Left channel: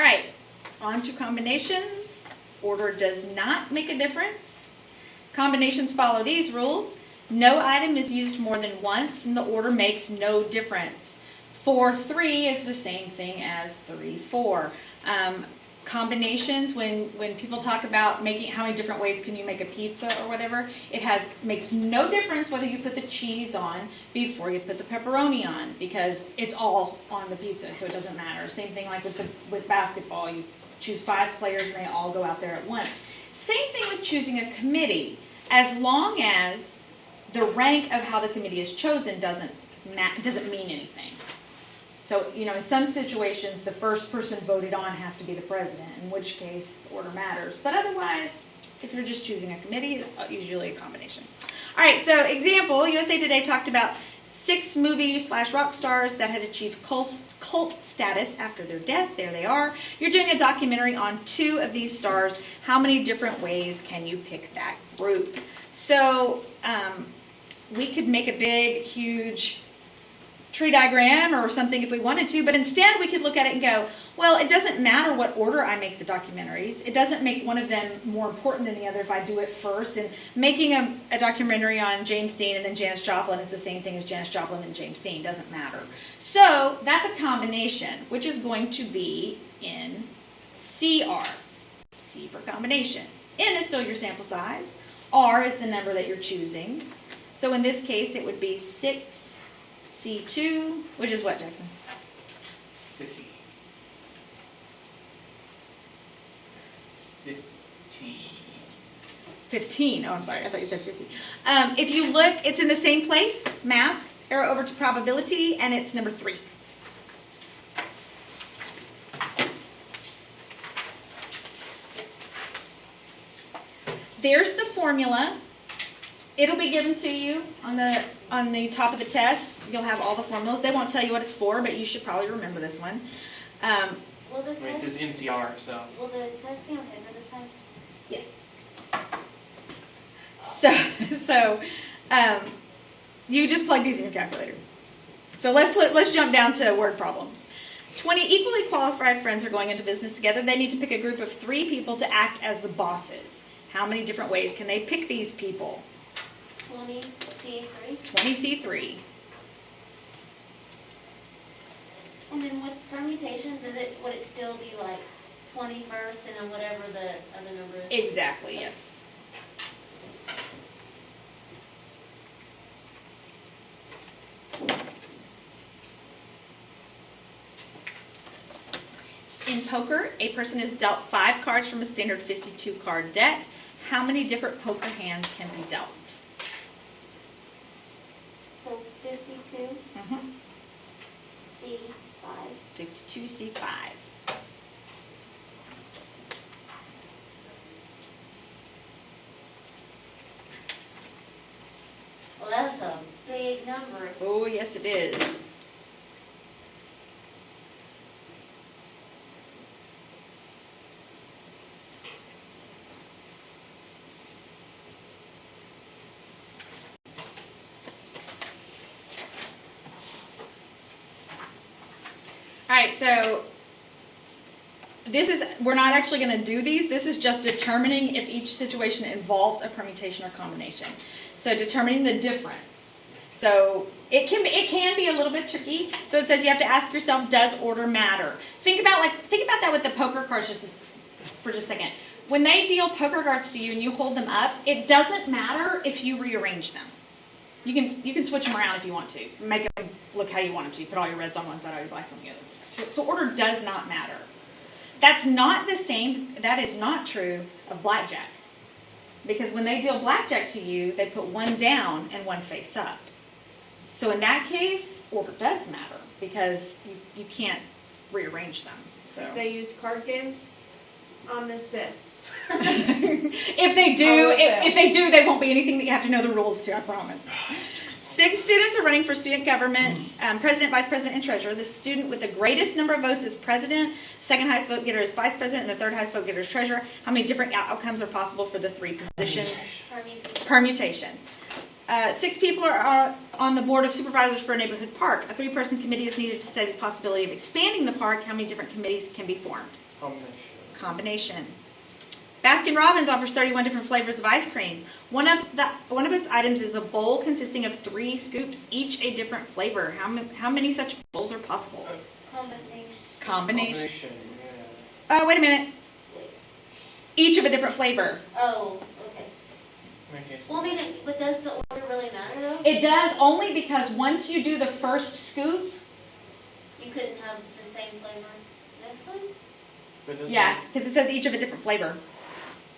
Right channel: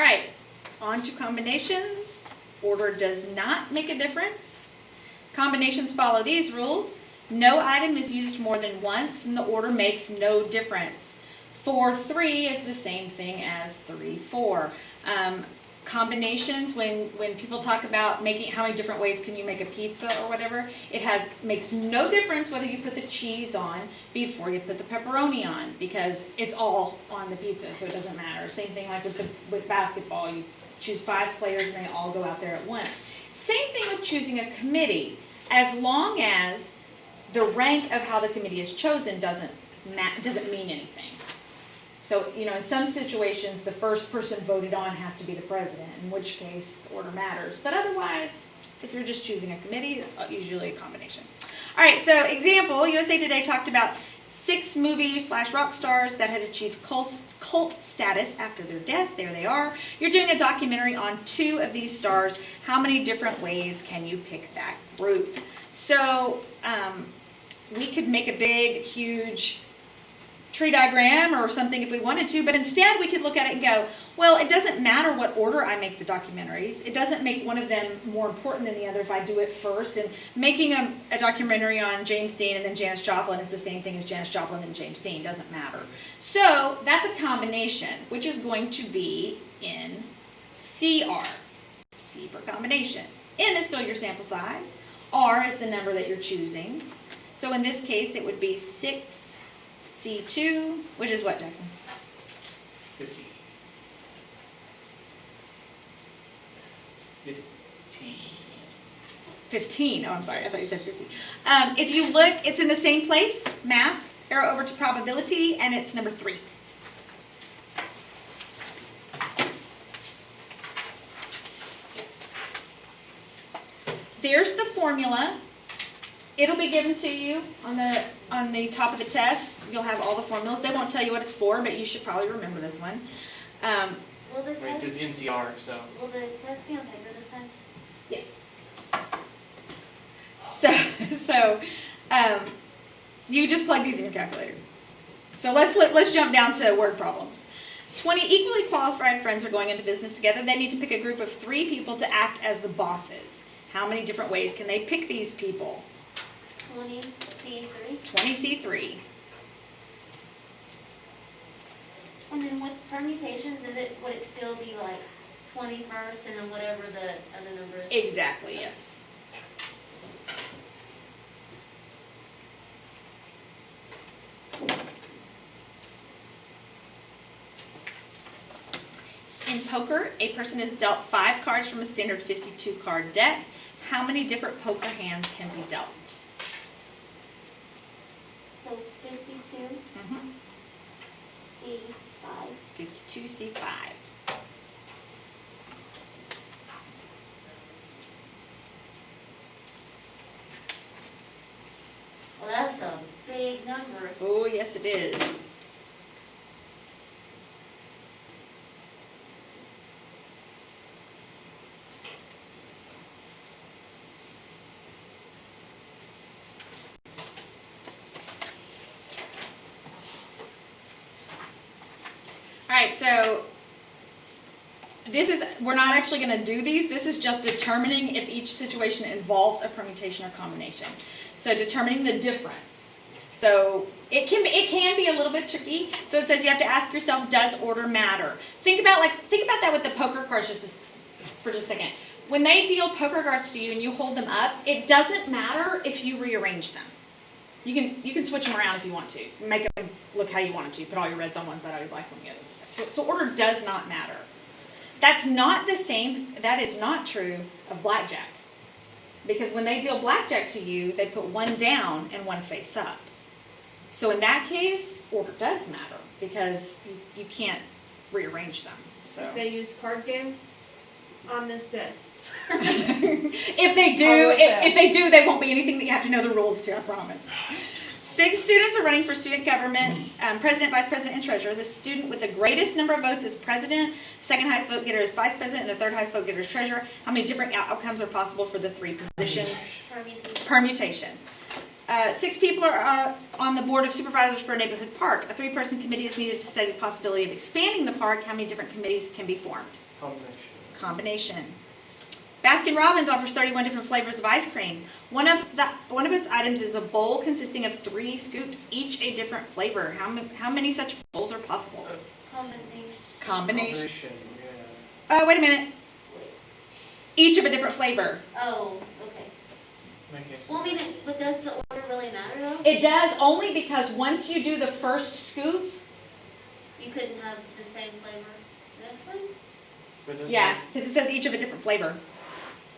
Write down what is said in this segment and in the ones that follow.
All right, on to combinations. Order does not make a difference. Combinations follow these rules. No item is used more than once, and the order makes no difference. 4-3 is the same thing as 3-4. Combinations, when people talk about making how many different ways can you make a pizza or whatever, makes no difference whether you put the cheese on before you put the pepperoni on, because it's all on the pizza, so it doesn't matter. Same thing like with basketball. You choose 5 players and they all go out there at once. Same thing with choosing a committee. As long as the rank of how the committee is chosen doesn't mean anything. So, in some situations, the first person voted on has to be the president, in which case the order matters. But otherwise, if you're just choosing a committee, it's usually a combination. All right, so example, USA Today talked about 6 movie/rock stars that had achieved cult status after their death. There they are. You're doing a documentary on 2 of these stars. How many different ways can you pick that group? So we could make a big, huge tree diagram or something if we wanted to, but instead we could look at it and go, well, it doesn't matter what order I make the documentaries. It doesn't make one of them more important than the other if I do it first. And making a documentary on James Dean and then Janis Joplin is the same thing as Janis Joplin and James Dean. Doesn't matter. So that's a combination, which is going to be in CR. C for combination. N is still your sample size. R is the number that you're choosing. So in this case, it would be 6C2, which is what, Jackson? 15. 15. Oh, I'm sorry. I thought you said 50. If you look, it's in the same place, math, arrow over to probability, and it's number 3. There's the formula. It'll be given to you on the top of the test. You'll have all the formulas. They won't tell you what it's for, but you should probably remember this one. Will the It test, says NCR, so. will the test be on paper this time? Yes. So you just plug these in your calculator. So let's jump down to word problems. 20 equally qualified friends are going into business together. They need to pick a group of 3 people to act as the bosses. How many different ways can they pick these people? 20C3. 20C3. And then with permutations, would it still be like 20 first and then whatever the other number is? Exactly, yes. In poker, a person is dealt 5 cards from a standard 52 card deck. How many different poker hands can be dealt? So 52, Mm-hmm. C5. 52C5. Well, that's a big number. Oh, yes it is. All right, so we're not actually going to do these. This is just determining if each situation involves a permutation or combination. So determining the difference. So it can be a little bit tricky. So it says you have to ask yourself, does order matter? Think about that with the poker cards for just a second. When they deal poker cards to you and you hold them up, it doesn't matter if you rearrange them. You can switch them around if you want to. Make them look how you want them to. You put all your reds on one side, all your blacks on the other. So order does not matter. That's not the same. That is not true of blackjack. Because when they deal blackjack to you, they put one down and one face up. So in that case, order does matter because you can't rearrange them. So If they use card games, I'm assist. if they do, they won't be anything that you have to know the rules to, I promise. 6 students are running for student government, president, vice president, and treasurer. The student with the greatest number of votes is president, second highest vote getter is vice president, and the third highest vote getter is treasurer. How many different outcomes are possible for the 3 positions? Permutation. Permutation. 6 people are on the board of supervisors for a neighborhood park. A 3-person committee is needed to study the possibility of expanding the park. How many different committees can be formed? Combination. Baskin Robbins offers 31 different flavors of ice cream. One of its items is a bowl consisting of 3 scoops, each a different flavor. How many such bowls are possible? Combination. Yeah. Oh, wait a minute. Each of a different flavor. Oh, okay. Okay, so Well, I mean, but does the order really matter though? It does only because once you do the first scoop, You couldn't have the same flavor next time? but doesn't yeah, it- because it says each of a different flavor.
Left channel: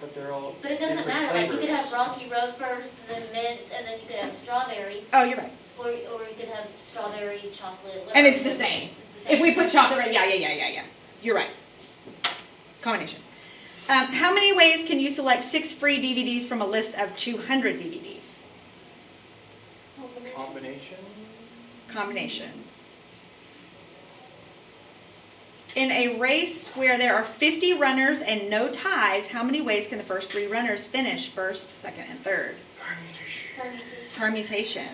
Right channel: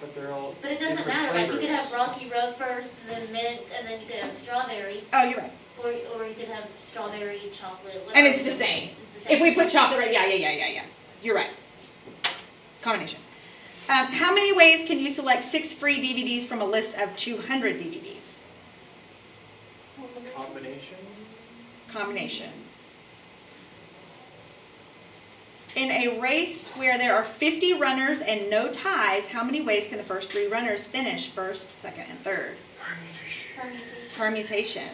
But they're all But it doesn't different matter, like you could flavors. have Rocky Road first, and then mint, and then you could have strawberry, Oh, you're right. or you could have strawberry, chocolate, whatever. And it's the same. It's the same. If we put chocolate, right? Yeah. You're right. Combination. How many ways can you select 6 free DVDs from a list of 200 DVDs? Combination? Combination. In a race where there are 50 runners and no ties, how many ways can the first 3 runners finish first, second, and third? Permutation. Permutation.